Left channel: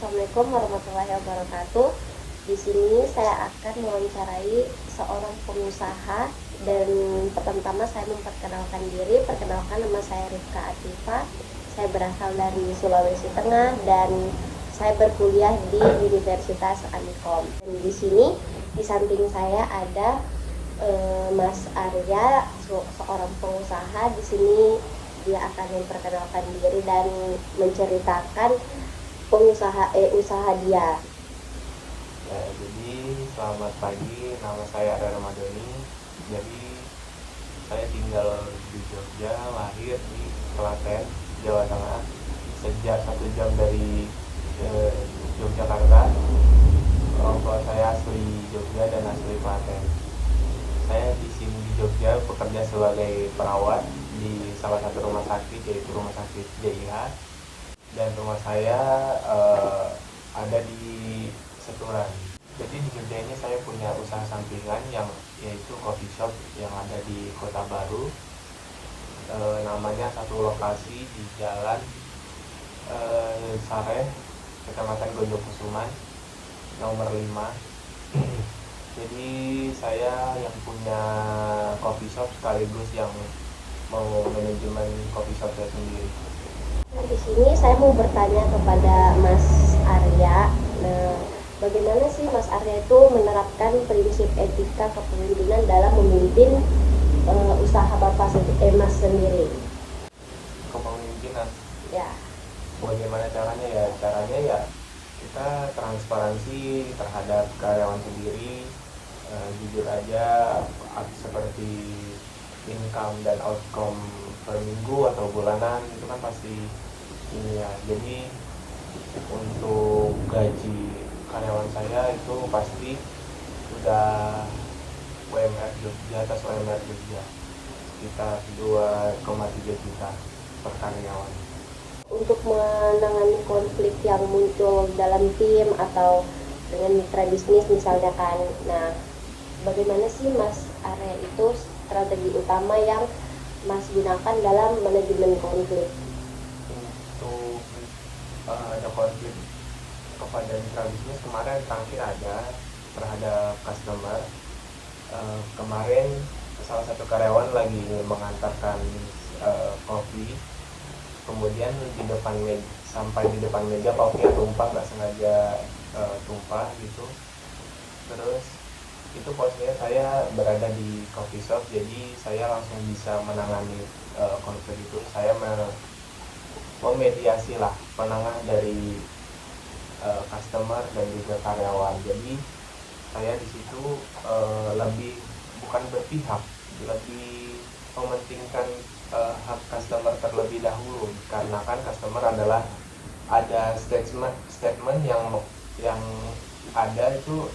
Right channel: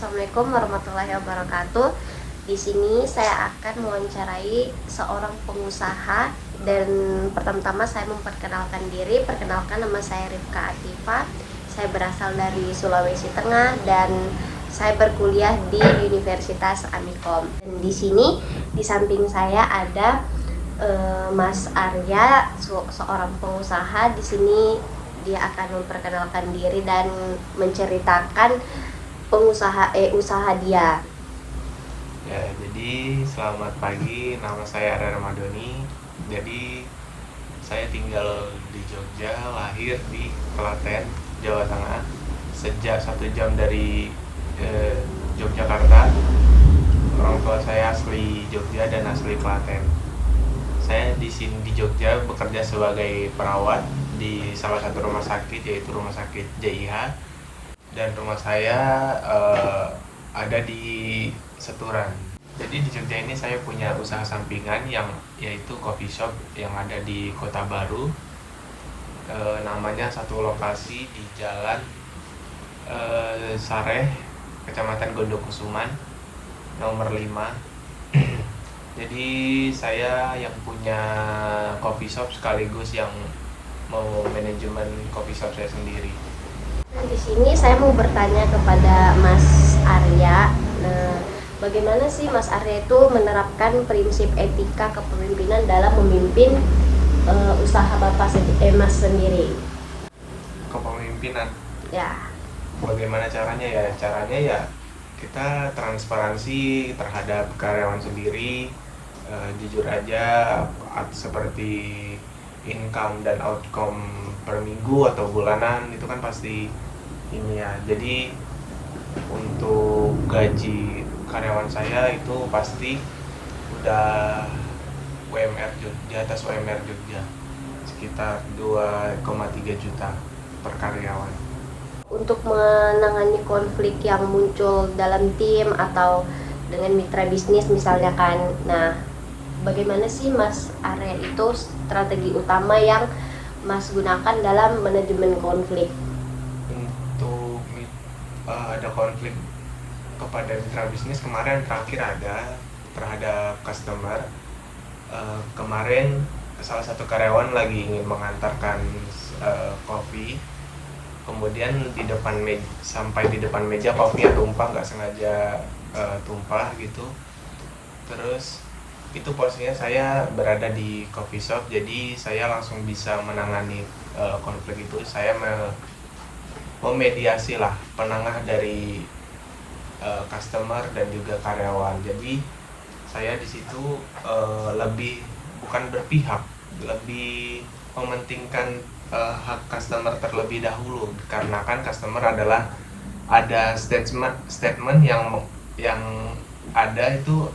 Assalamualaikum warahmatullahi wabarakatuh. Di sini saya akan mewawancarai seorang pengusaha dan pertama-tama saya memperkenalkan diri. Perkenalkan, nama saya Rifka Akifa. Saya berasal dari Sulawesi Tengah dan saya berkuliah di Universitas Amikom. Dan di sini di samping saya ada Mas Arya, seorang pengusaha. Di sini dia akan memperkenalkan diri dan menceritakan usaha dia. Ya, jadi selamat pagi, nama saya Ada Ramadhani. Jadi saya tinggal di Jogja, lahir di Klaten, Jawa Tengah. Sejak 1 jam dari Yogyakarta. Orang tua saya asli Jogja dan asli Klaten. Saya di sini di Jogja bekerja sebagai perawat di salah satu rumah sakit, yaitu Rumah Sakit JIH. Dan rumah saya ada di Seturan. Jadi di Jogja ini saya punya usaha sampingan yaitu coffee shop yang ada di Kota Baru. Namanya satu lokasi di Jalan Sareh, Kecamatan Gondokusuman, nomor 5. Jadi saya yang punya coffee shop sekaligus yang mau manajemen coffee shop saya sendiri. Di sini saya mau bertanya kepada Mas Arya, bagaimana sih Mas Arya itu menerapkan prinsip etika kepemimpinan dalam memimpin usaha Mas sendiri? Kepemimpinan. Ya. Bagaimana caranya ya? Caranya ya kita transparansi terhadap karyawan sendiri, jujur aja seperti income dan outcome per minggu atau bulanan itu kan pasti ini ya. Jadi untuk gaji karyawan saya itu pasti udah UMR di atas UMR Jogja, sekitar 2,3 juta per karyawan. Untuk menangani konflik yang muncul dalam tim atau dengan mitra bisnis misalnya kan, nah bagaimana sih Mas Arya itu strategi utama yang Mas gunakan dalam manajemen konflik? Untuk ada konflik kepada mitra bisnis kemarin terakhir ada terhadap customer. Kemarin salah satu karyawan lagi ingin mengantarkan kopi, kemudian sampai di depan meja kopinya tumpah, nggak sengaja tumpah gitu. Terus itu posisinya saya berada di coffee shop, jadi saya langsung bisa menangani konflik itu. Saya memediasi lah, penengah dari customer dan juga karyawan. Jadi saya di situ lebih bukan berpihak, lebih mementingkan hak customer terlebih dahulu, karena kan customer adalah ada statement yang ada itu,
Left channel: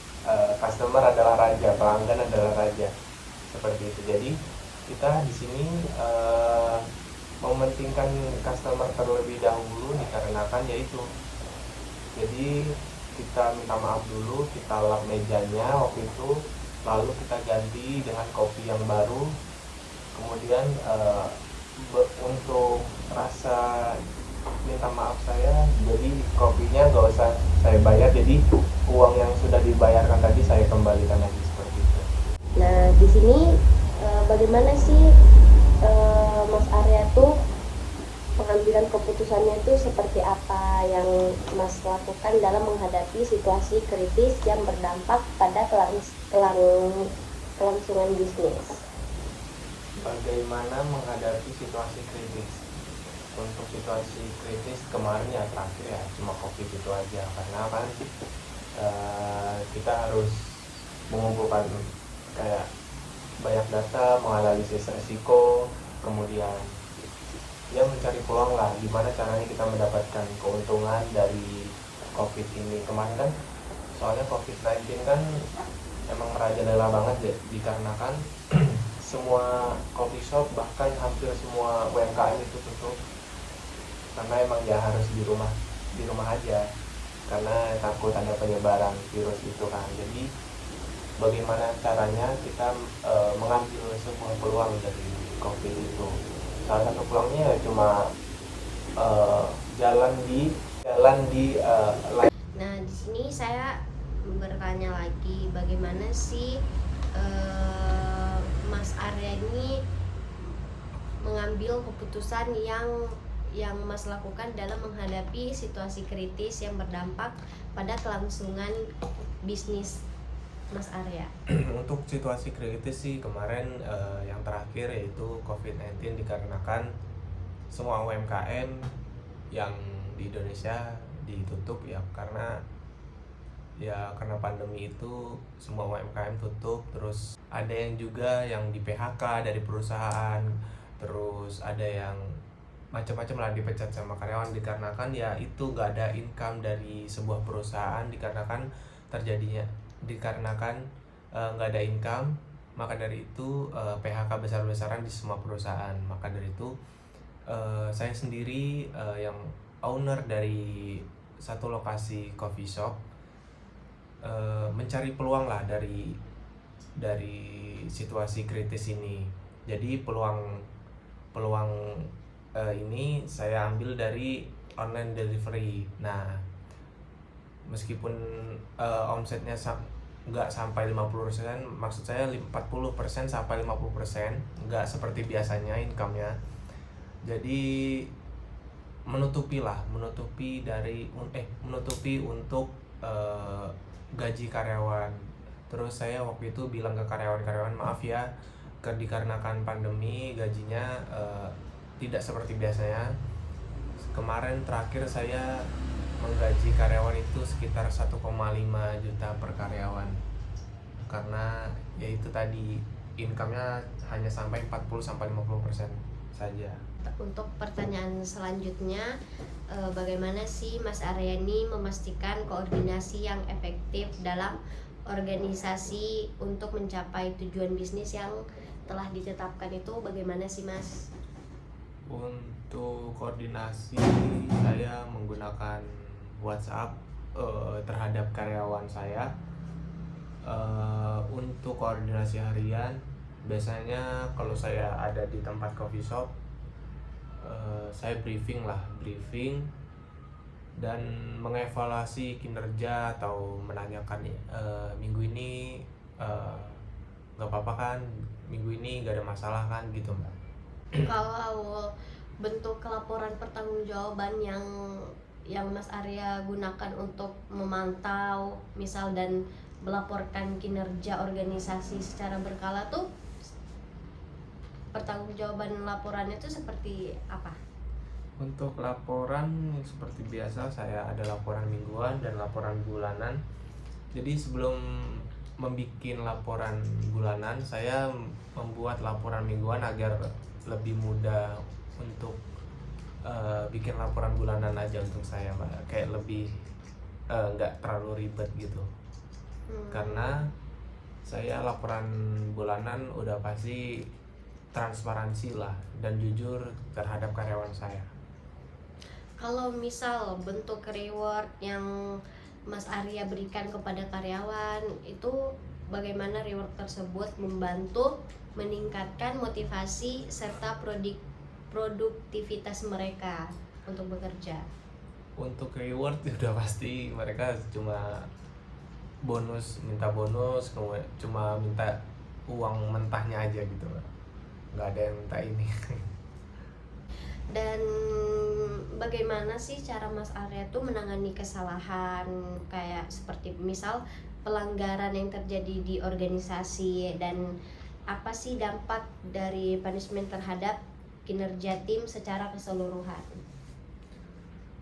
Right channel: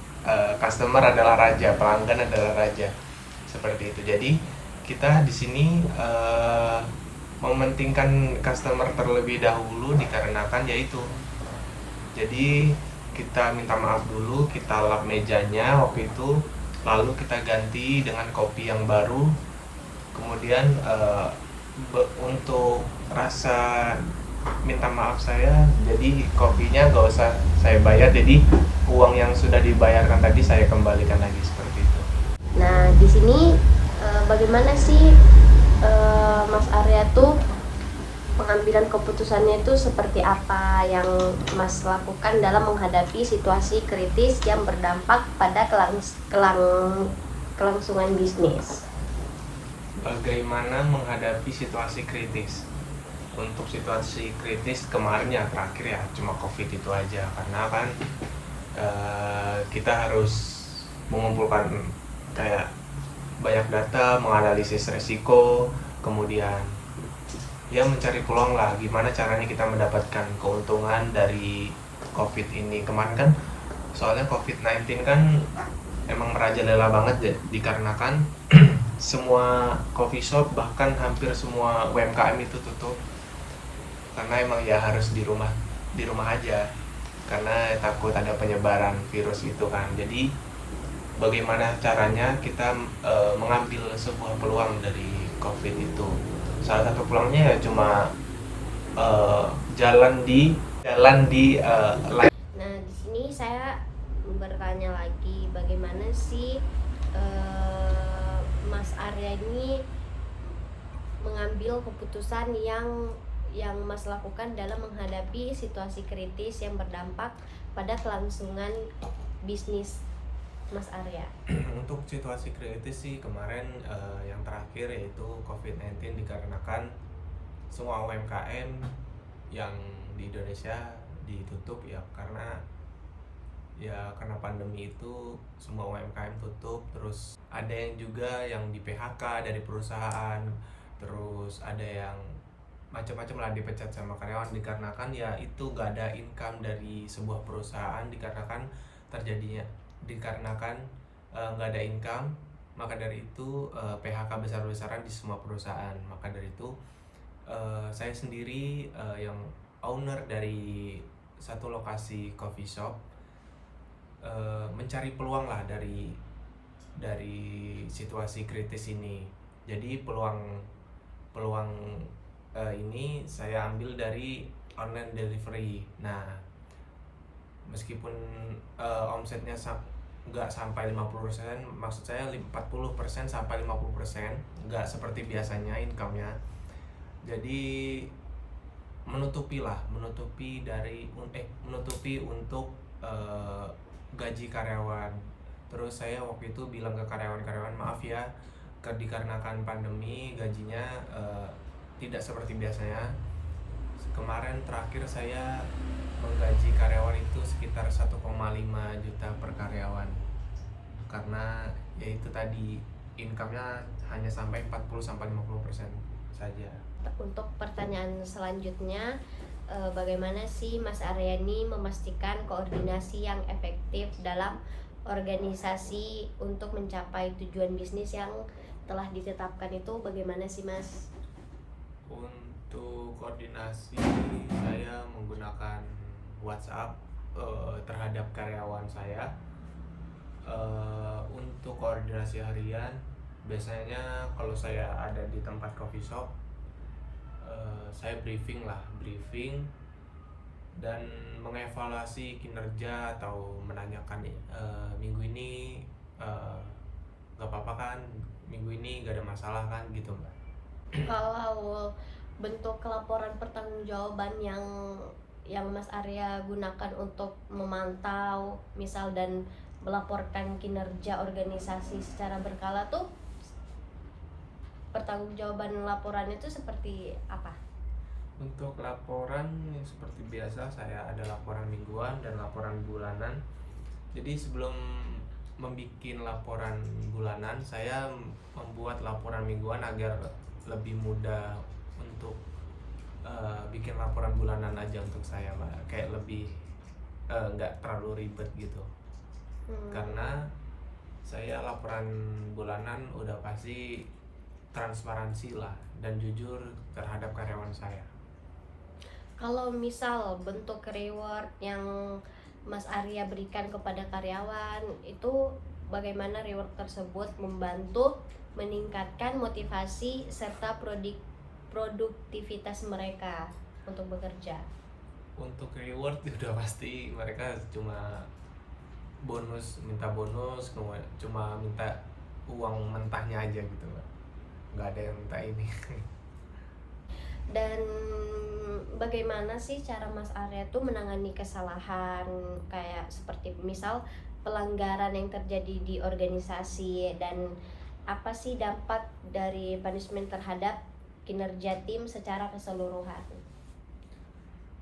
customer adalah raja, pelanggan adalah raja, seperti itu. Jadi kita di sini mementingkan customer terlebih dahulu dikarenakan yaitu, jadi kita minta maaf dulu, kita lap mejanya waktu itu, lalu kita ganti dengan kopi yang baru. Kemudian untuk rasa minta maaf saya, jadi kopinya nggak usah saya bayar, jadi uang yang sudah dibayarkan tadi saya kembalikan lagi, seperti itu. Nah di sini bagaimana sih Mas Arya tuh pengambilan keputusannya itu seperti apa yang Mas lakukan dalam menghadapi situasi kritis yang berdampak pada kelangsungan bisnis? Bagaimana menghadapi situasi kritis? Untuk situasi kritis kemarin ya terakhir ya cuma COVID itu aja, karena kan kita harus mengumpulkan kayak banyak data, menganalisis resiko, kemudian dia mencari peluang lah gimana caranya kita mendapatkan keuntungan dari COVID ini. Kemarin kan soalnya COVID-19 kan emang merajalela banget ya, dikarenakan semua coffee shop, bahkan hampir semua UMKM itu tutup, karena emang ya harus di rumah aja karena takut ada penyebaran virus itu kan. Jadi bagaimana caranya kita mengambil sebuah peluang dari COVID itu? Salah satu peluangnya ya cuma jalan di Nah, di sini saya bertanya lagi, bagaimana sih Mas Arya ini mengambil keputusan yang Mas lakukan dalam menghadapi situasi kritis yang berdampak pada kelangsungan bisnis Mas Arya? Untuk situasi kritis sih kemarin yang terakhir yaitu COVID-19, dikarenakan semua UMKM yang di Indonesia ditutup ya, karena pandemi itu semua UMKM tutup. Terus ada yang juga yang di PHK dari perusahaan, terus ada yang macam-macam lah dipecat sama karyawan, dikarenakan ya itu gak ada income dari sebuah perusahaan, dikarenakan nggak ada income. Maka dari itu PHK besar-besaran di semua perusahaan. Maka dari itu saya sendiri yang owner dari satu lokasi coffee shop mencari peluang lah dari situasi kritis ini. Jadi peluang ini saya ambil dari online delivery. Nah, meskipun omsetnya nggak sampai 50%, maksud saya 40% sampai 50%, nggak seperti biasanya income-nya. Jadi menutupi untuk gaji karyawan. Terus saya waktu itu bilang ke karyawan, maaf ya, dikarenakan pandemi gajinya tidak seperti biasanya. Kemarin terakhir saya menggaji karyawan itu sekitar 1,5 juta per karyawan, karena ya itu tadi income-nya hanya sampai 40-50% saja. Untuk pertanyaan selanjutnya, bagaimana sih Mas Arya ini memastikan koordinasi yang efektif dalam organisasi untuk mencapai tujuan bisnis yang telah ditetapkan itu, bagaimana sih Mas? Untuk koordinasi saya menggunakan WhatsApp terhadap karyawan saya. Untuk koordinasi harian, biasanya kalau saya ada di tempat coffee shop, saya briefing dan mengevaluasi kinerja, atau menanyakan minggu ini nggak apa-apa kan, minggu ini nggak ada masalah kan, gitu Mbak. Kalau bentuk laporan pertanggungjawaban yang Mas Arya gunakan untuk memantau misal dan melaporkan kinerja organisasi secara berkala tuh, pertanggungjawaban laporannya itu seperti apa? Untuk laporan seperti biasa, saya ada laporan mingguan dan laporan bulanan. Jadi sebelum membuat laporan bulanan, saya membuat laporan mingguan agar lebih mudah untuk bikin laporan bulanan aja untuk saya, Mbak. Kayak lebih nggak terlalu ribet gitu. Karena saya laporan bulanan udah pasti transparansi lah dan jujur terhadap karyawan saya. Kalau misal bentuk reward yang Mas Arya berikan kepada karyawan itu, bagaimana reward tersebut membantu meningkatkan motivasi serta produktivitas mereka untuk bekerja? Untuk reward udah pasti mereka cuma minta bonus, cuma minta uang mentahnya aja gitu, Mbak. Nggak ada yang minta ini. Dan bagaimana sih cara Mas Arya tuh menangani kesalahan kayak seperti misal pelanggaran yang terjadi di organisasi, dan apa sih dampak dari punishment terhadap kinerja tim secara keseluruhan?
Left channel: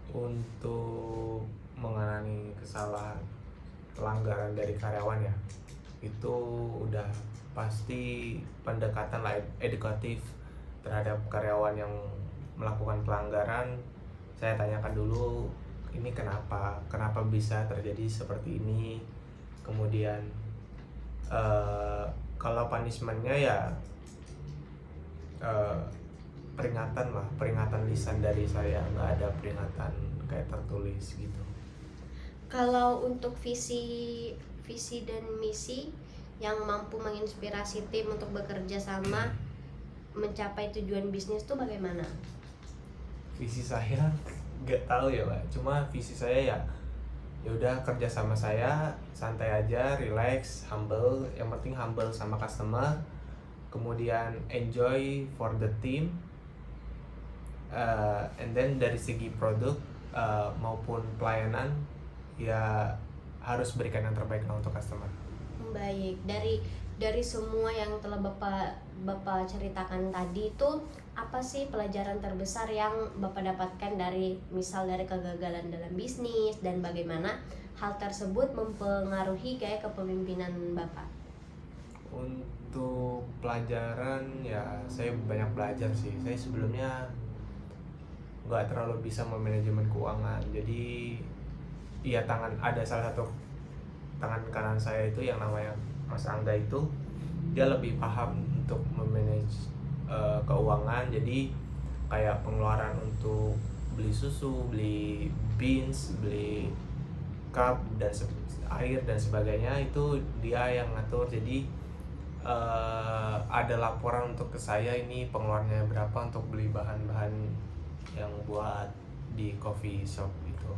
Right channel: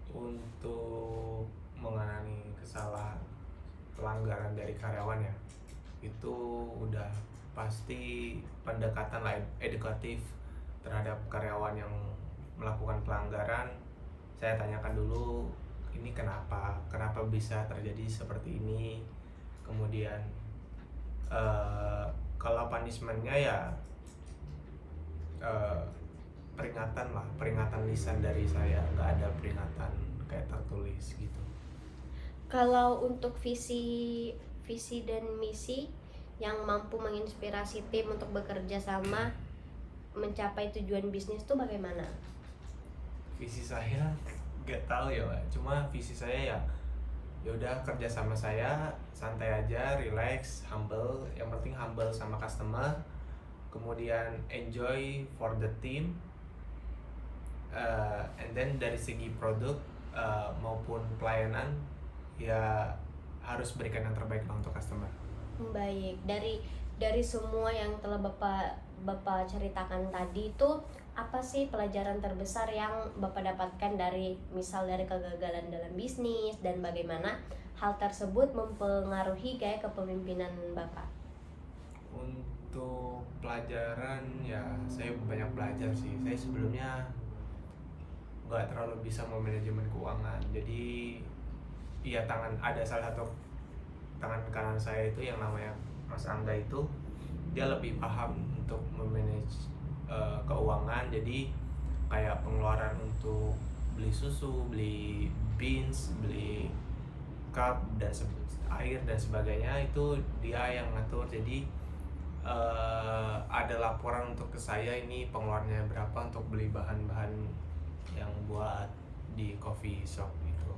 Untuk mengenai kesalahan pelanggaran dari karyawan ya, itu udah pasti pendekatan edukatif terhadap karyawan yang melakukan pelanggaran. Saya tanyakan dulu, ini kenapa bisa terjadi seperti ini. Kemudian kalau punishmentnya ya peringatan lisan dari saya, nggak ada peringatan kayak tertulis gitu. Kalau untuk visi dan misi yang mampu menginspirasi tim untuk bekerja sama mencapai tujuan bisnis itu bagaimana? Visi saya nggak tahu ya, Pak. Cuma visi saya ya ya udah kerja sama saya santai aja, relax, humble, yang penting humble sama customer, kemudian enjoy for the team, and then dari segi produk maupun pelayanan ya harus berikan yang terbaik lah untuk customer. Baik, dari semua yang telah Bapak ceritakan tadi itu, apa sih pelajaran terbesar yang Bapak dapatkan dari kegagalan dalam bisnis, dan bagaimana hal tersebut mempengaruhi gaya kepemimpinan Bapak? Untuk pelajaran ya saya banyak belajar sih. Saya sebelumnya nggak terlalu bisa memanajemen keuangan, jadi iya ada salah satu tangan kanan saya itu yang namanya Mas Angga itu, dia lebih paham untuk memanage keuangan. Jadi kayak pengeluaran untuk beli susu, beli beans, beli cup dan air dan sebagainya itu dia yang ngatur. Jadi ada laporan untuk ke saya, ini pengeluarannya berapa untuk beli bahan-bahan yang buat di coffee shop gitu.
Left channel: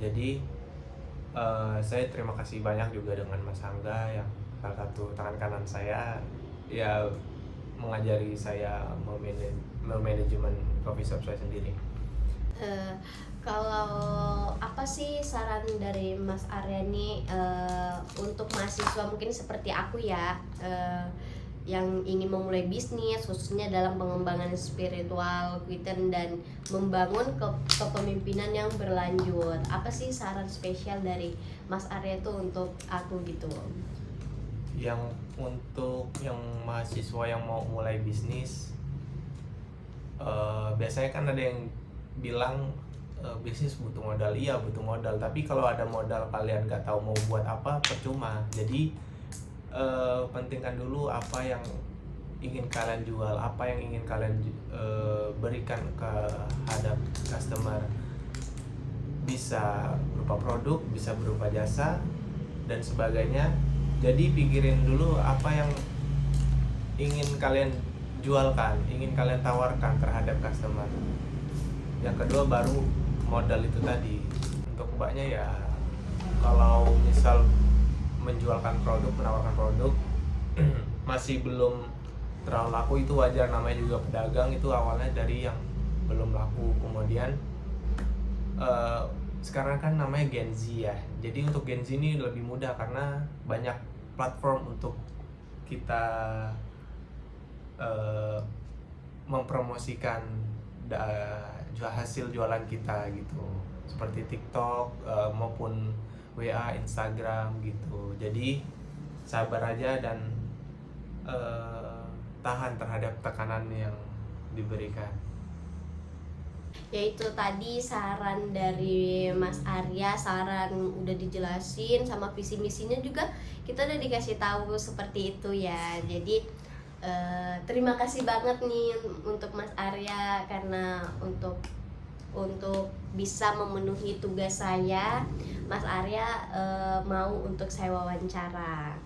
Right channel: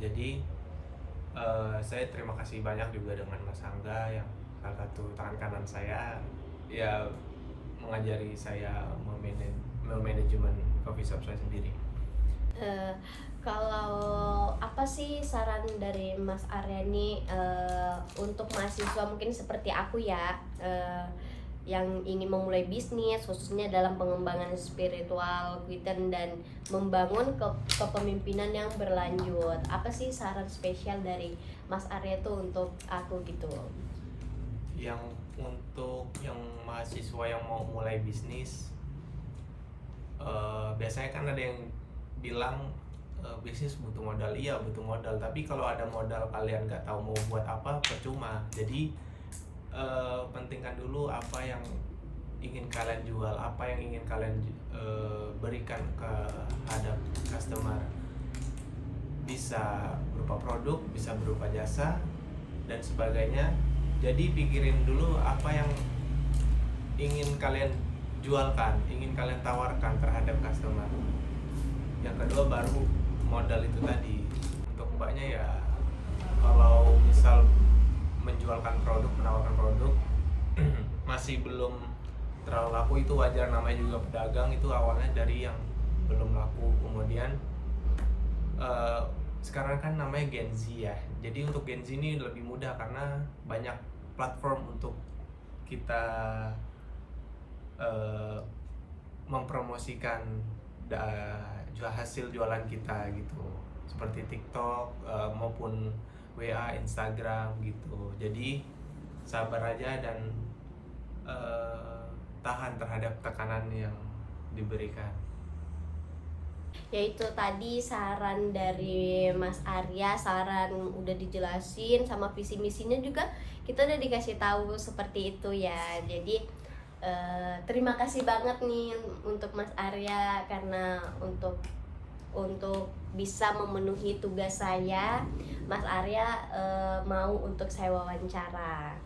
Jadi saya terima kasih banyak juga dengan Mas Angga yang salah satu tangan kanan saya, ya mengajari saya memanajemen coffee shop saya sendiri. Kalau apa sih saran dari Mas Arya nih untuk mahasiswa mungkin seperti aku ya, yang ingin memulai bisnis khususnya dalam pengembangan spiritual Kwiten dan membangun kepemimpinan yang berlanjut, apa sih saran spesial dari Mas Arya itu untuk aku gitu? Yang untuk yang mahasiswa yang mau mulai bisnis, biasanya kan ada yang bilang bisnis butuh modal. Iya butuh modal, tapi kalau ada modal kalian nggak tahu mau buat apa, percuma. Jadi pentingkan dulu apa yang ingin kalian jual, apa yang ingin kalian berikan kehadap customer. Bisa berupa produk, bisa berupa jasa dan sebagainya. Jadi pikirin dulu apa yang ingin kalian jualkan, ingin kalian tawarkan terhadap customer. Yang kedua baru modal itu tadi. Untuk mbaknya ya, kalau misal menjualkan produk, menawarkan produk masih belum terlalu laku, itu wajar, namanya juga pedagang, itu awalnya dari yang belum laku. Kemudian sekarang kan namanya Gen Z ya, jadi untuk Gen Z ini lebih mudah karena banyak platform untuk kita mempromosikan hasil jualan kita gitu, seperti TikTok maupun WA, Instagram gitu. Jadi sabar aja dan tahan terhadap tekanan yang diberikan. Yaitu tadi saran dari Mas Arya, saran udah dijelasin, sama visi misinya juga kita udah dikasih tahu seperti itu ya. Jadi terima kasih banget nih untuk Mas Arya, karena untuk bisa memenuhi tugas saya, Mas Arya mau untuk saya wawancara.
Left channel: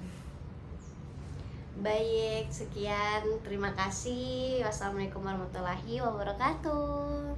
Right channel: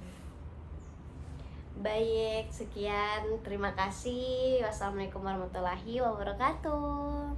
Baik, sekian, terima kasih. Wassalamualaikum warahmatullahi wabarakatuh.